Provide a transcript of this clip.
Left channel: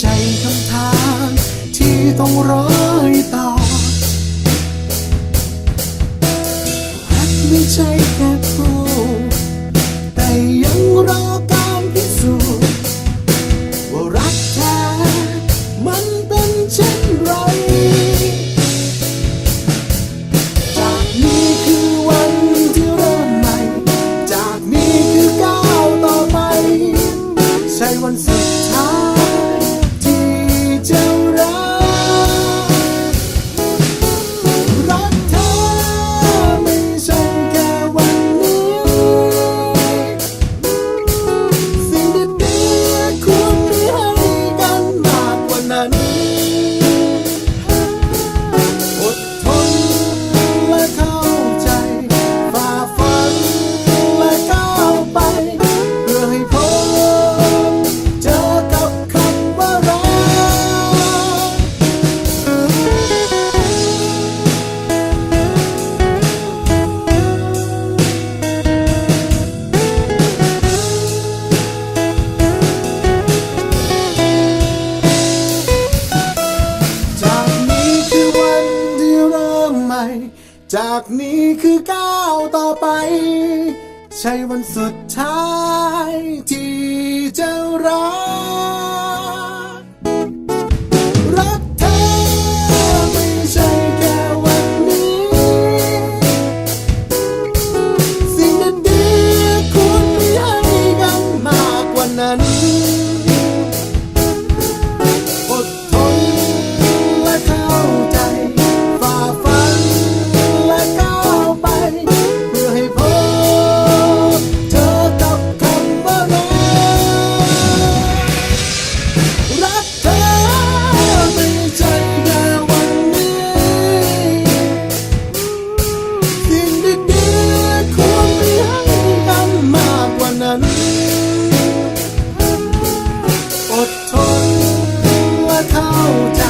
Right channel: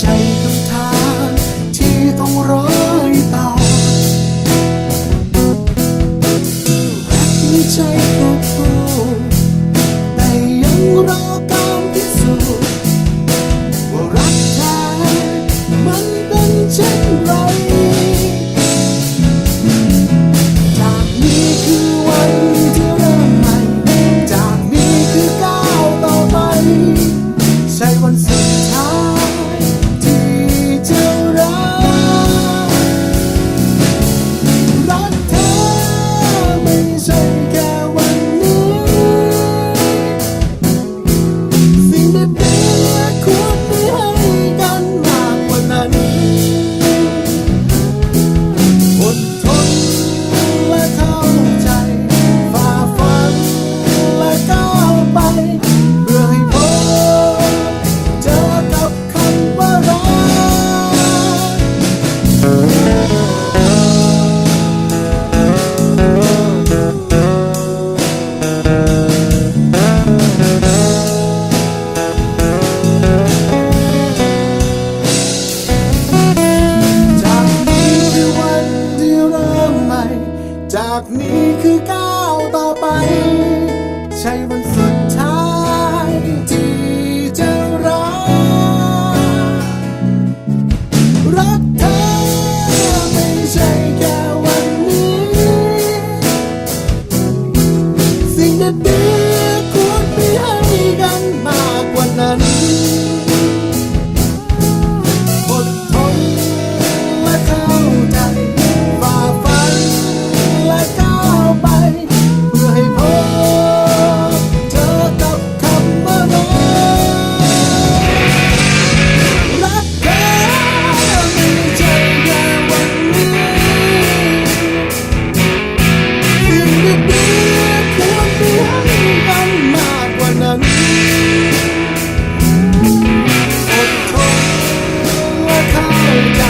ใจคำถามที่ต้องร้อยต่อรักไม่ใช่แค่พูดแต่ยังรอการพิสูจน์ว่ารักแท้มันเป็นเช่นไรจากนี้คือวันที่เริ่มใหม่ จากนี้คือก้าวต่อไป ใช่วันสุด นั้น จากนี้คือก้าวต่อไป ใช่วันสุดท้ายที่จะรัก รักเธอไม่ใช่แค่วันนี้ สิ่งดีๆควรมีให้กันมากกว่านั้นันอดทนและเข้าใจ